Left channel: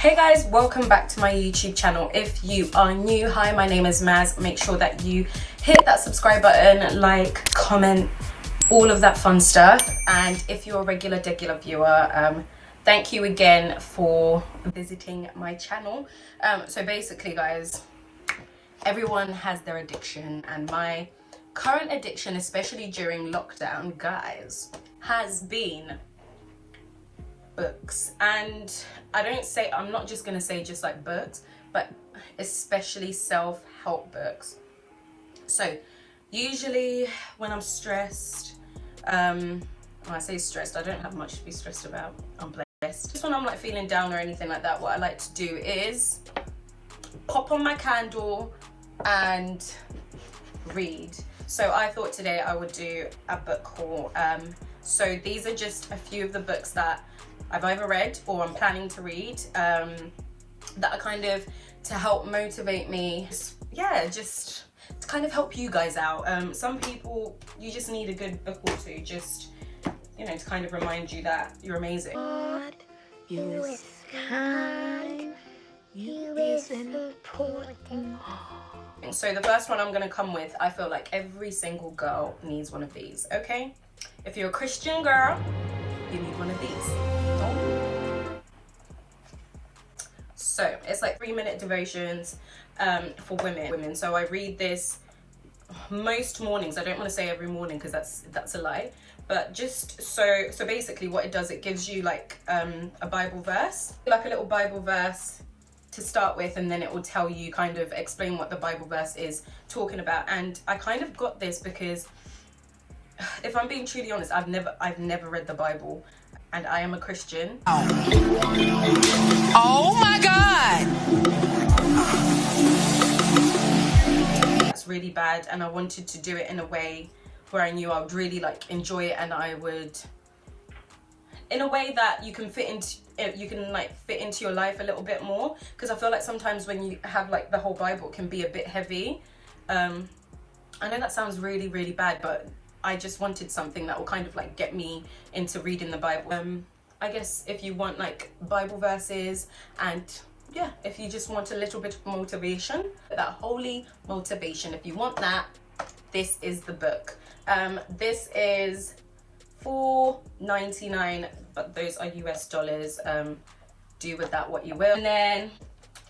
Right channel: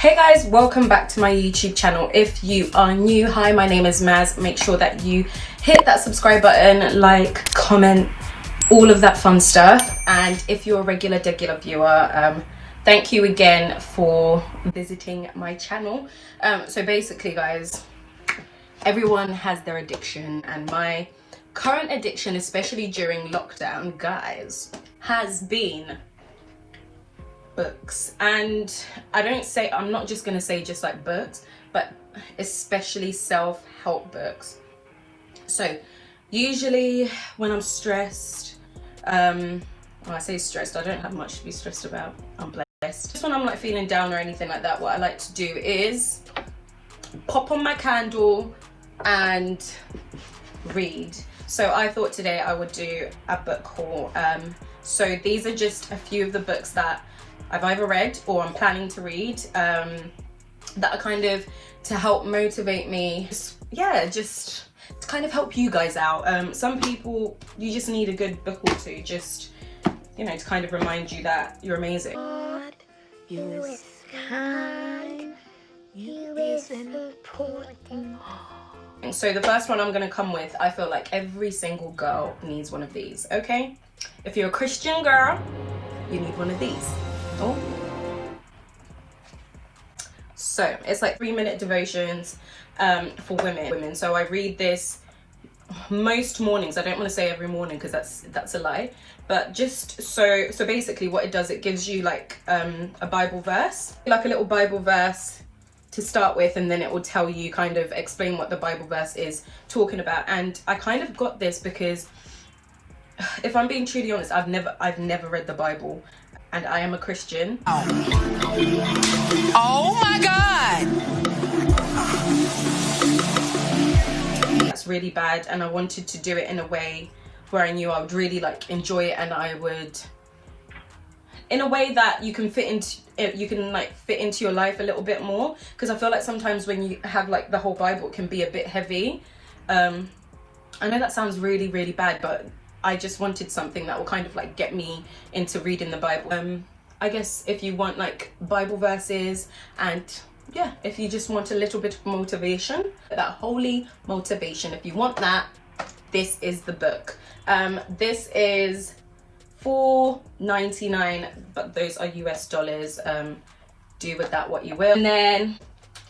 Hey guys, welcome back to my YouTube channel. If you are new, hi, my name is Maz. Make sure that you hit that subscribe button, like, comment, all of that fun stuff. And if you're a regular viewer, thank you again for visiting my channel. So basically guys, everyone has their addiction, and my current addiction, especially during lockdown, guys, has been books. And I'm not just gonna say just like books, but especially self-help books. So usually when I'm stressed, when I say stressed, I don't have much to be stressed about, I'm blessed. Just when I'm like feeling down or anything like that, what I like to do is pop on my candle and read. So I thought today I would do a book haul. So these are just a few of the books that I've either read or I'm planning to read, that are kind of to help motivate me. Just to kind of help you guys out. Some people, you just need a good book or two, just, you know, to kind of remind you that you're amazing. God, you is kind, you is important. So the first one I'm going to come with, I feel like every single girl needs one of these, okay? If you're a Christian girl, you need one of these. Oh. So it's like 3-minute devotions for women. So I read this most mornings. I don't want to say every morning because that's a lie, but just so basically what it does, it gives you like a Bible verse, like a little Bible verse to start with, and then it will tell you, kind of explain what the Bible verse is talking about. And I kind of got this because, if I'm being truly honest, I've never read the Bible, and I am a Christian. Oh my God! That's really bad, and I wanted to do it in a way where I knew I would really like enjoy it, and I would, in a way that you can fit into your life a little bit more, because I feel like sometimes when you have like the whole Bible, it can be a bit heavy. I know that sounds really bad, but I just wanted something that will kind of like get me into reading the Bible. I guess if you want like Bible verses, and yeah, if you just want a little bit of motivation, that holy motivation, if you want that, this is the book. This is $4.99, but those are US dollars. Do with that what you will. And then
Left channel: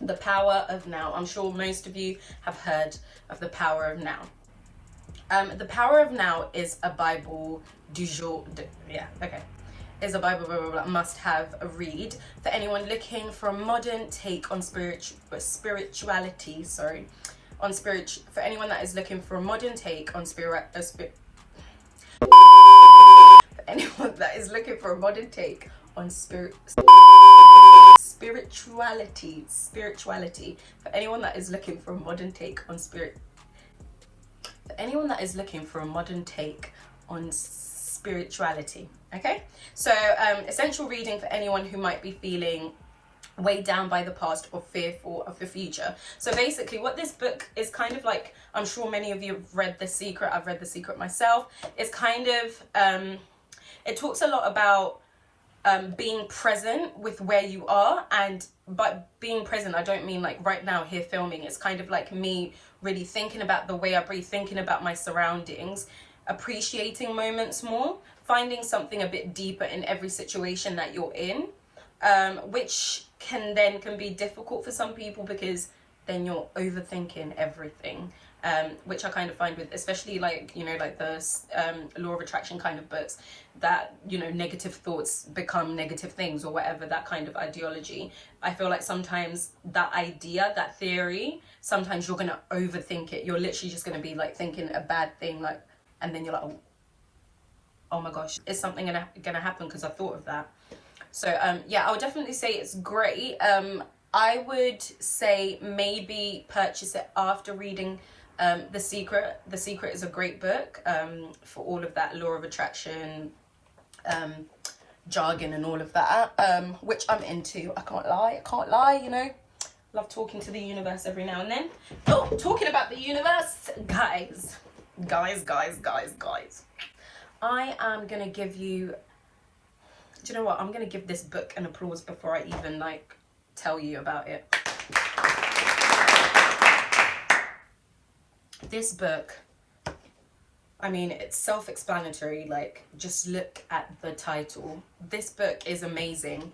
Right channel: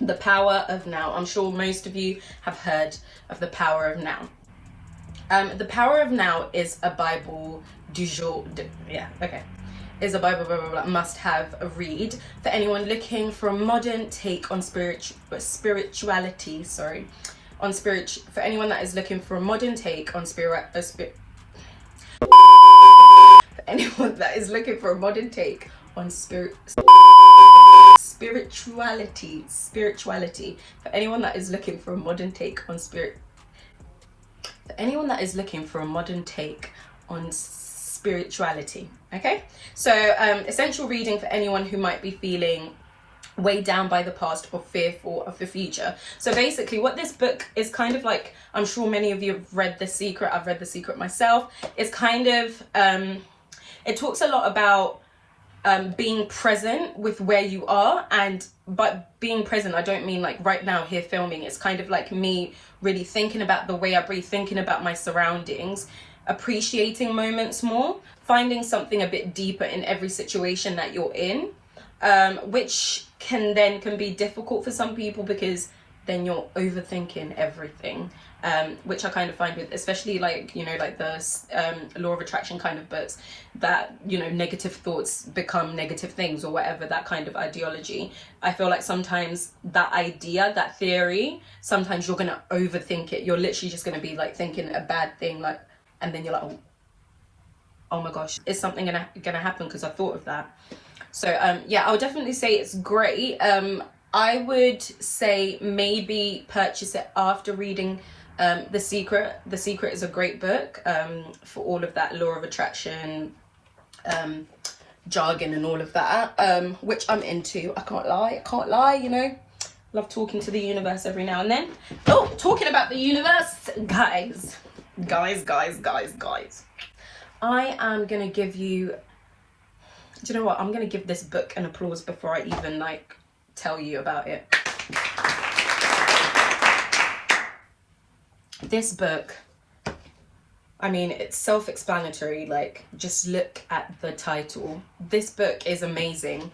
The Power of Now. I'm sure most of you have heard of The Power of Now. The Power of Now is a Bible du jour, is a Bible must have a read for anyone looking for a modern take on spirituality. For anyone that is looking for a modern take on spirituality, for anyone that is looking for a modern take on spirituality, for anyone that is looking for a modern take on spirituality. Okay, so essential reading for anyone who might be feeling weighed down by the past or fearful of the future. So basically what this book is kind of like, I'm sure many of you have read The Secret. I've read The Secret myself. It's kind of it talks a lot about being present with where you are, and by being present, I don't mean like right now here filming. It's kind of like me really thinking about the way I breathe, thinking about my surroundings, appreciating moments more, finding something a bit deeper in every situation that you're in, which can be difficult for some people, because then you're overthinking everything, which I kind of find with, especially like, you know, like the law of attraction kind of books, that, you know, negative thoughts become negative things or whatever, that kind of ideology. I feel like sometimes that idea, that theory, sometimes you're gonna overthink it. You're literally just gonna be like thinking a bad thing, like, and then you're like, oh my gosh, is something gonna happen because I thought of that? So yeah, I would definitely say it's great. I would say maybe purchase it after reading The Secret. The Secret is a great book for all of that law of attraction jargon and all of that, which I'm into. I can't lie, you know. Love talking to the universe every now and then. Oh, talking about the universe, guys. I am gonna give you, do you know what, I'm gonna give this book an applause before I even like tell you about it. This book, I mean, it's self-explanatory. Like, just look at the title. This book is amazing.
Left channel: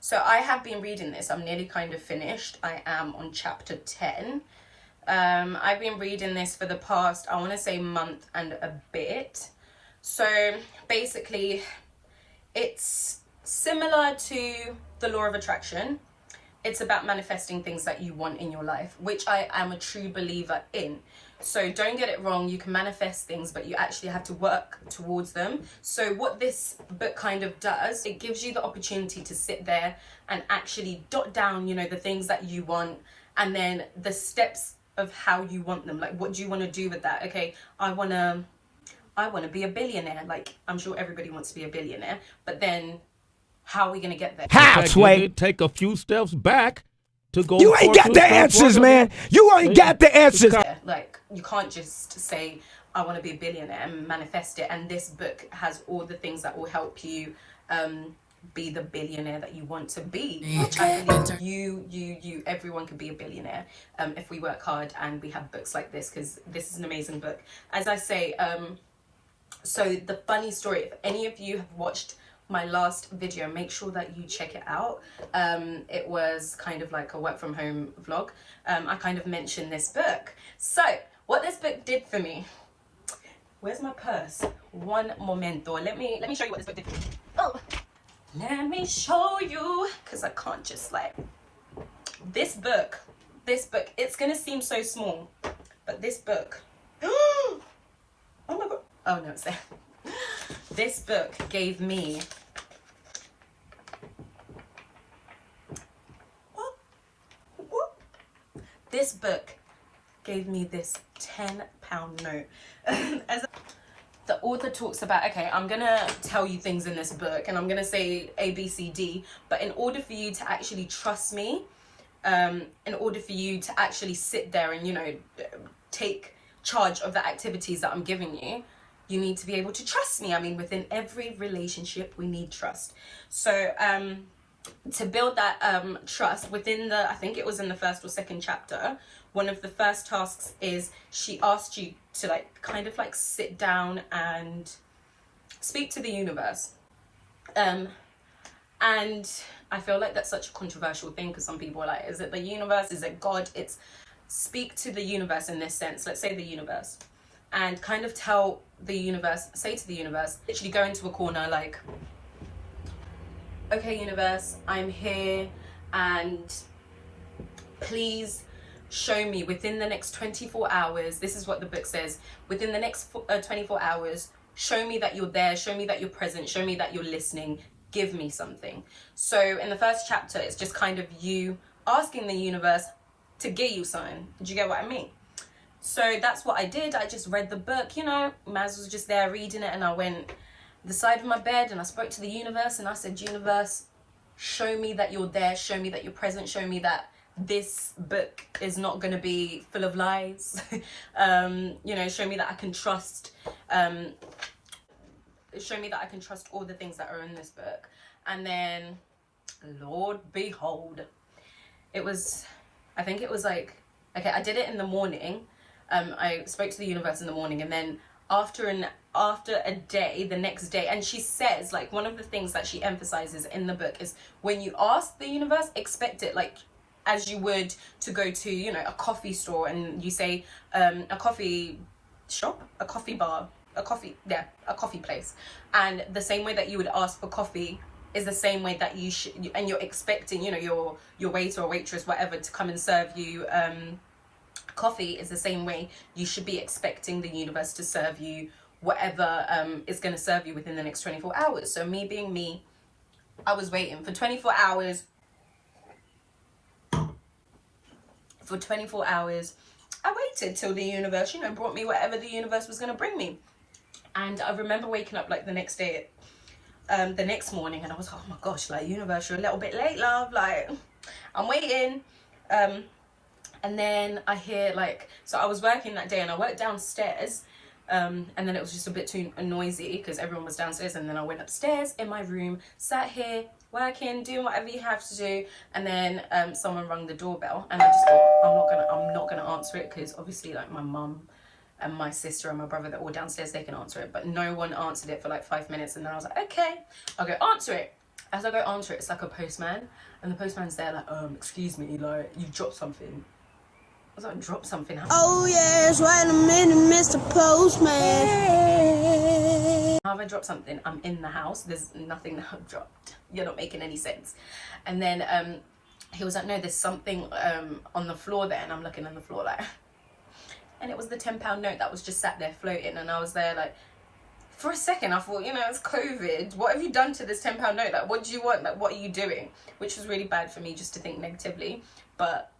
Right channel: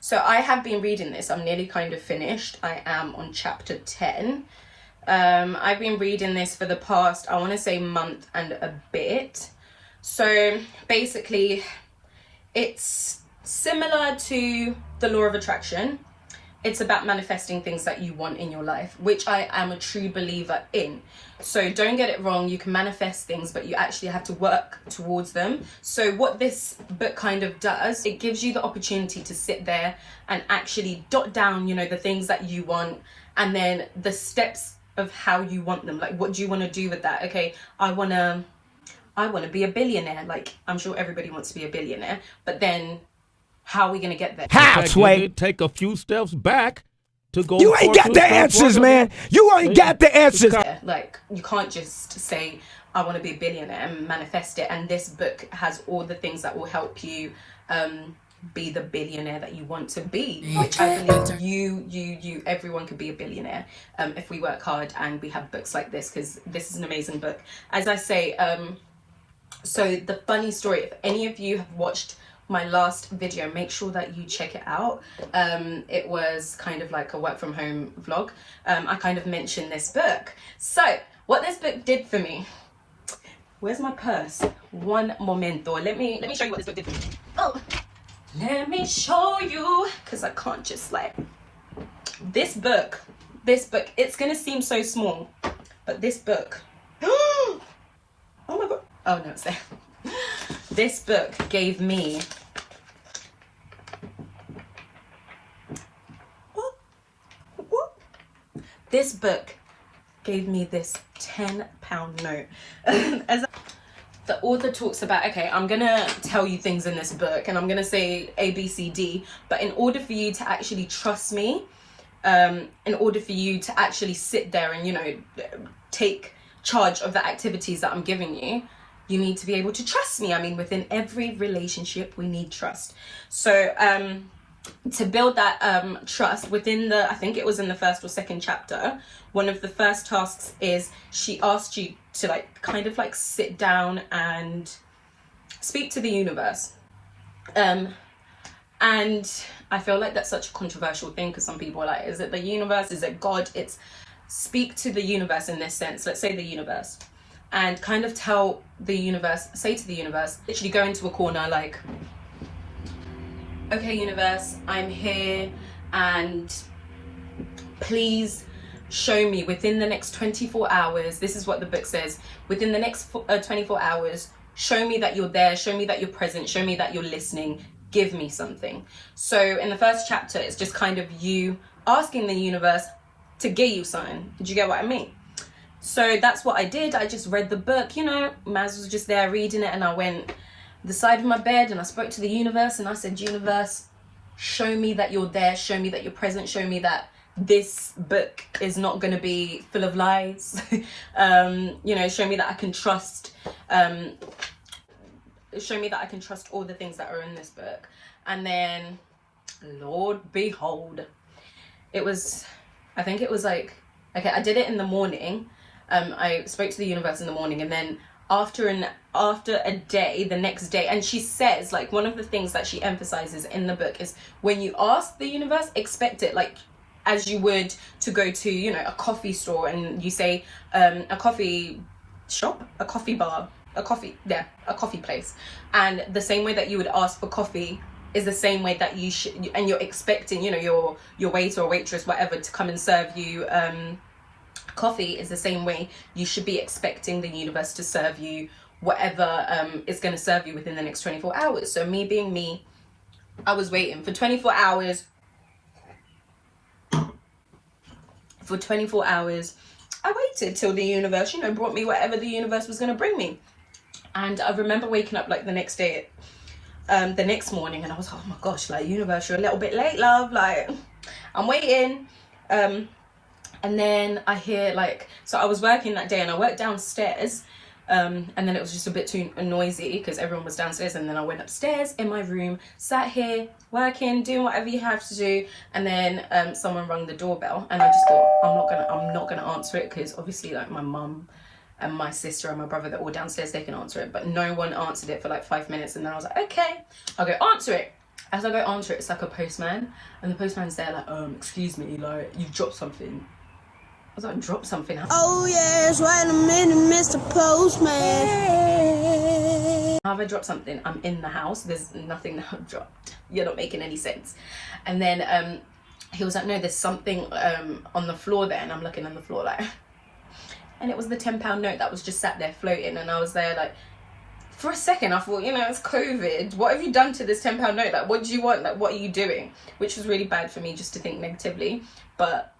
So I have been reading this. I'm nearly kind of finished. I am on chapter 10. I've been reading this for the past, I want to say, month and a bit. So basically, it's similar to the law of attraction. It's about manifesting things that you want in your life, which I am a true believer in. So don't get it wrong, you can manifest things, but you actually have to work towards them. So what this book kind of does, it gives you the opportunity to sit there and actually jot down, you know, the things that you want, and then the steps of how you want them. Like, what do you want to do with that? Okay, I want to be a billionaire. Like, I'm sure everybody wants to be a billionaire, but then how are we going to get there? Halfway. Take a few steps back to go. You ain't got the answers, man. You ain't got the answers. Like, you can't just say, I want to be a billionaire and manifest it. And this book has all the things that will help you be the billionaire that you want to be. Which I believe everyone can be a billionaire if we work hard and we have books like this, because this is an amazing book. As I say, so the funny story, if any of you have watched my last video, make sure that you check it out. It was kind of like a work from home vlog. I kind of mentioned this book. So what this book did for me, where's my purse? One momento. Let me show you what this book did for me. Oh, let me show you, because I can't just like, this book, it's gonna seem so small, but this book, oh my god, oh no, it's there. This book gave me, this book gave me this £10 note. The author talks about, okay, I'm gonna tell you things in this book and I'm gonna say A, B, C, D, but in order for you to actually trust me, in order for you to actually sit there and, you know, take charge of the activities that I'm giving you, you need to be able to trust me. I mean, within every relationship, we need trust. So to build that trust within the, I think it was in the first or second chapter, one of the first tasks is she asked you to like kind of like sit down and speak to the universe. And I feel like that's such a controversial thing, because some people are like, is it the universe? Is it God? It's speak to the universe in this sense. Let's say the universe. And kind of tell the universe, say to the universe, literally go into a corner like, okay, universe, I'm here, and please show me within the next 24 hours, this is what the book says, within the next 24 hours, show me that you're there, show me that you're present, show me that you're listening, give me something. So in the first chapter, it's just kind of you asking the universe to give you something. Did you get what I mean? So that's what I did. I just read the book, you know, Maz was just there reading it, and I went the side of my bed and I spoke to the universe and I said, universe, show me that you're there, show me that you're present, show me that this book is not going to be full of lies. You know, show me that I can trust, show me that I can trust all the things that are in this book. And then, Lord behold, it was, I think it was like, okay, I did it in the morning. I spoke to the universe in the morning, and then after a day, the next day, and she says, like, one of the things that she emphasizes in the book is when you ask the universe, expect it, like as you would to go to, you know, a coffee store, and you say a coffee shop, a coffee bar, a coffee place, and the same way that you would ask for coffee is the same way that you should, and you're expecting, you know, your waiter or waitress, whatever, to come and serve you coffee, is the same way you should be expecting the universe to serve you whatever is going to serve you within the next 24 hours. So me being me, I was waiting for 24 hours. For 24 hours, I waited till the universe, you know, brought me whatever the universe was going to bring me. And I remember waking up like the next day, the next morning, and I was like, oh my gosh, like, universe, you're a little bit late, love, like, I'm waiting. And then I hear, like, so I was working that day and I worked downstairs, And then it was just a bit too noisy because everyone was downstairs, and then I went upstairs in my room, sat here working, doing whatever you have to do, and then someone rang the doorbell, and I just thought I'm not gonna answer it because obviously like my mum and my sister and my brother, they're all downstairs, they can answer it, but no one answered it for like 5 minutes. And then I was like, okay, I'll go answer it. As I go answer it, it's like a postman, and the postman's there like, excuse me, like, you've dropped something. I was like, drop something. Oh yes, wait a minute, Mr. Postman. Have I dropped something? I'm in the house. There's nothing that I've dropped. You're not making any sense. And then he was like, no, there's something on the floor there. And I'm looking on the floor like, and it was the £10 note that was just sat there floating. And I was there like, for a second I thought, you know, it's COVID. What have you done to this £10 note? Like, what do you want? Like, what are you doing? Which was really bad for me just to think negatively. But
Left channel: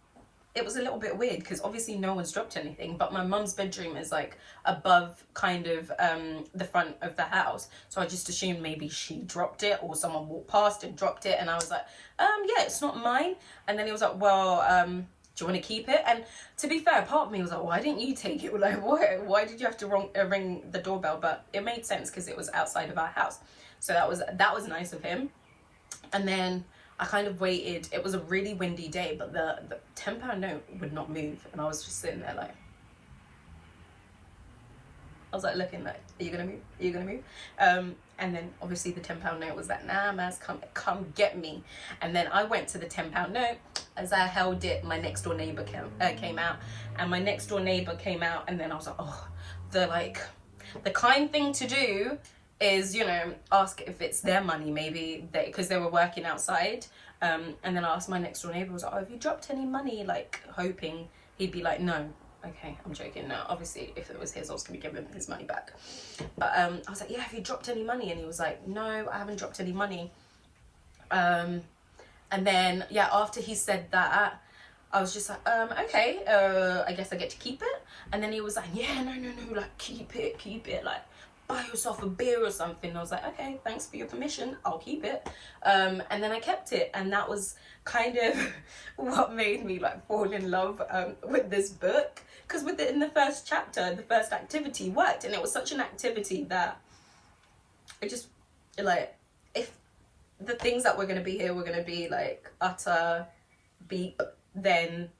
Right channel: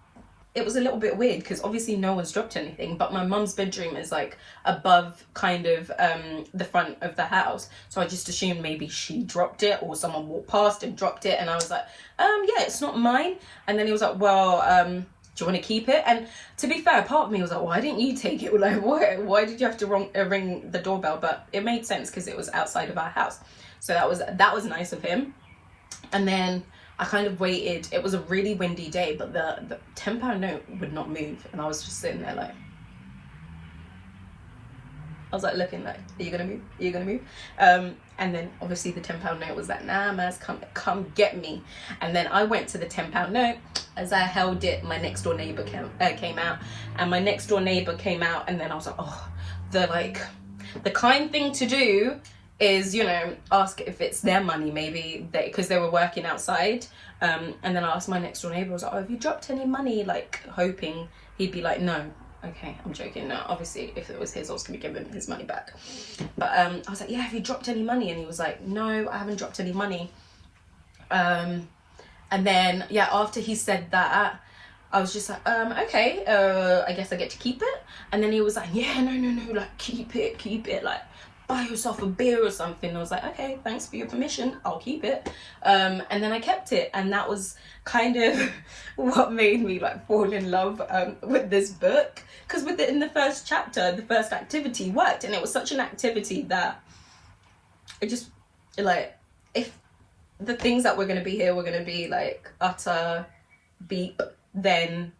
it was a little bit weird because obviously no one's dropped anything, but my mum's bedroom is like above kind of the front of the house, so I just assumed maybe she dropped it or someone walked past and dropped it. And I was like, yeah, it's not mine. And then he was like, well, do you want to keep it? And to be fair, part of me was like, why didn't you take it? Like, why did you have to ring the doorbell? But it made sense because it was outside of our house, so that was nice of him. And then I kind of waited. It was a really windy day, but the £10 note would not move, and I was just sitting there like, I was like looking like, are you gonna move? Are you gonna move? And then obviously the £10 note was like, nah, Maz, come get me. And then I went to the £10 note. As I held it, my next door neighbor came out, and my next door neighbor came out, and then I was like, oh, the kind thing to do is, you know, ask if it's their money, maybe because they were working outside. And then I asked my next door neighbor, I was like, oh, have you dropped any money? Like, hoping he'd be like, no. Okay, I'm joking. No, obviously if it was his, I was gonna give him his money back. But I was like, yeah, have you dropped any money? And he was like, no, I haven't dropped any money. And then yeah, after he said that, I was just like, okay, I guess I get to keep it. And then he was like, yeah, no, like, keep it, like, buy yourself a beer or something. I was like, okay, thanks for your permission, I'll keep it. And then I kept it, and that was kind of what made me like fall in love with this book, because in the first chapter, the first activity worked, and it was such an activity that it just, like, if the things that we're going to be here were going to be like utter beep, then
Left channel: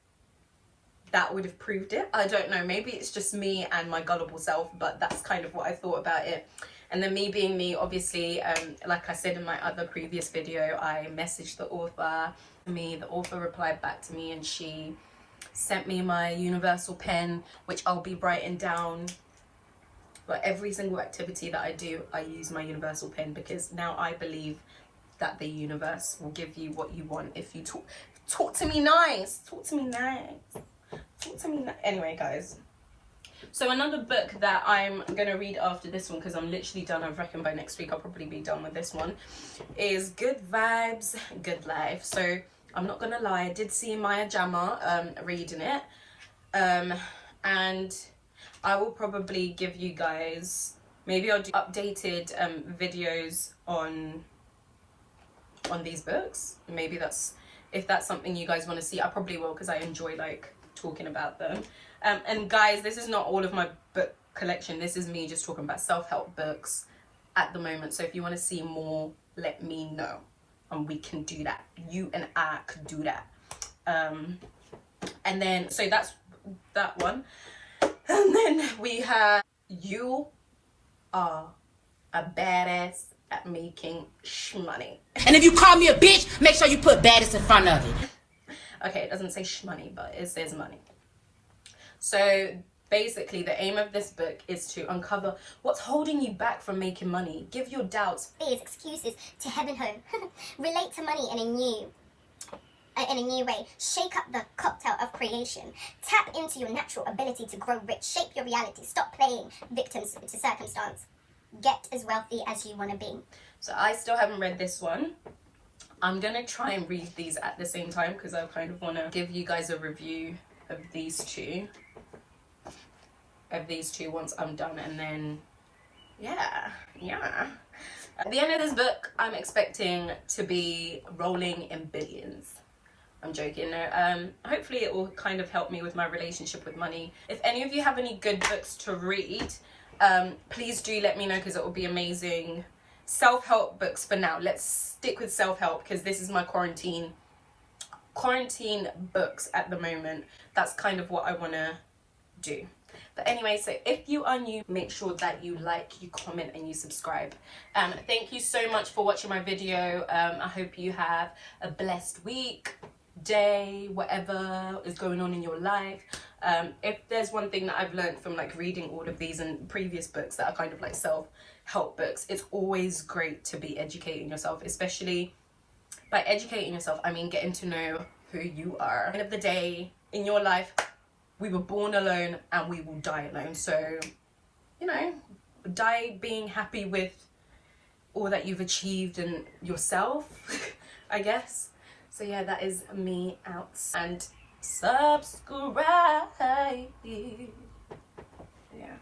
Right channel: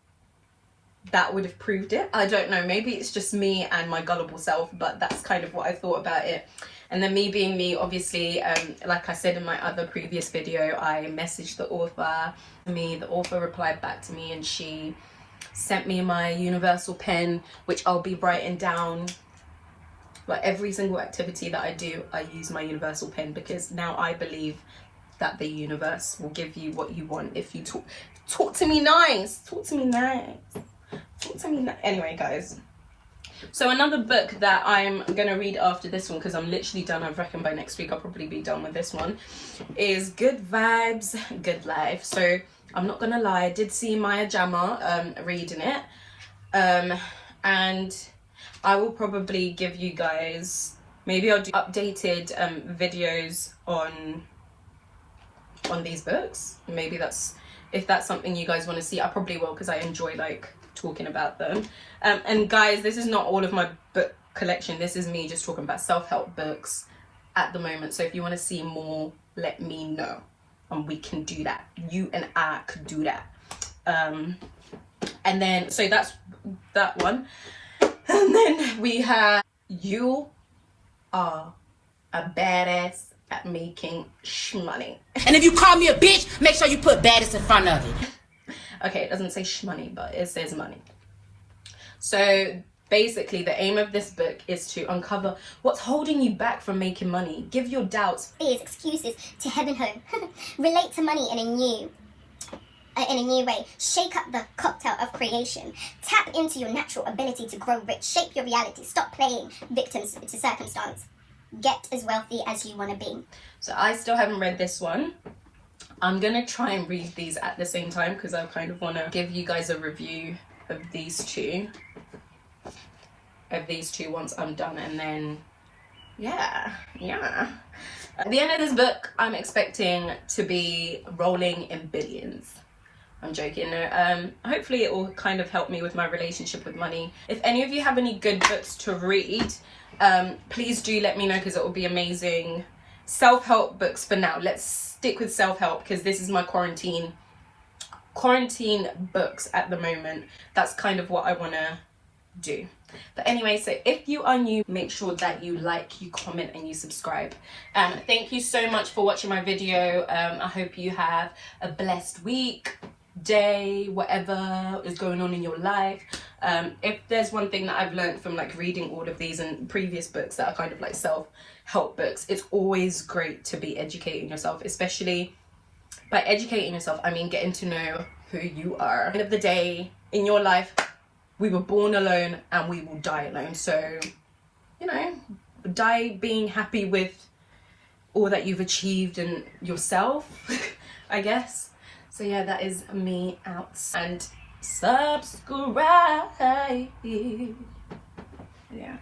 that would have proved it. I don't know, maybe it's just me and my gullible self, but that's kind of what I thought about it. And then me being me, obviously, like I said in my other previous video, I messaged the author. The author replied back to me, and she sent me my universal pen, which I'll be writing down. Like, every single activity that I do, I use my universal pen, because now I believe that the universe will give you what you want if you talk to me nice. Anyway, guys, so another book that I'm gonna read after this one, because I'm literally done, I reckon by next week I'll probably be done with this one, is Good Vibes, Good Life. So I'm not gonna lie, I did see Maya Jama reading it, and I will probably give you guys, maybe I'll do updated videos on these books. Maybe if that's something you guys want to see, I probably will, because I enjoy like talking about them. And guys, this is not all of my book collection. This is me just talking about self-help books at the moment. So if you want to see more, let me know, and we can do that. You and I could do that. And then, so that's that one. And then we have You Are a Badass at Making Shmoney. And if you call me a bitch, make sure you put baddest in front of it. Okay, it doesn't say shmoney, but it says money. So basically the aim of this book is to uncover what's holding you back from making money. Give your doubts, fears, excuses to heaven home. Relate to money in a new way. Shake up the cocktail of creation. Tap into your natural ability to grow rich. Shape your reality. Stop playing victims to circumstance. Get as wealthy as you want to be. So I still haven't read this one. I'm gonna try and read these at the same time, because I kind of want to give you guys a review of these two once I'm done. And then yeah, at the end of this book, I'm expecting to be rolling in billions. I'm joking. Hopefully it will kind of help me with my relationship with money. If any of you have any good books to read, please do let me know, because it will be amazing. Self-help books for now. Let's stick with self-help, because this is my quarantine books at the moment. That's kind of what I want to do. But anyway, so if you are new, make sure that you like, you comment, and you subscribe. Thank you so much for watching my video. I hope you have a blessed week, day, whatever is going on in your life. If there's one thing that I've learned from like reading all of these and previous books that are kind of like self-help books, it's always great to be educating yourself, especially by educating yourself, I mean getting to know who you are. At the end of the day, in your life, we were born alone and we will die alone. So, you know, die being happy with all that you've achieved and yourself, I guess. So yeah, that is me out. And subscribe. Yeah.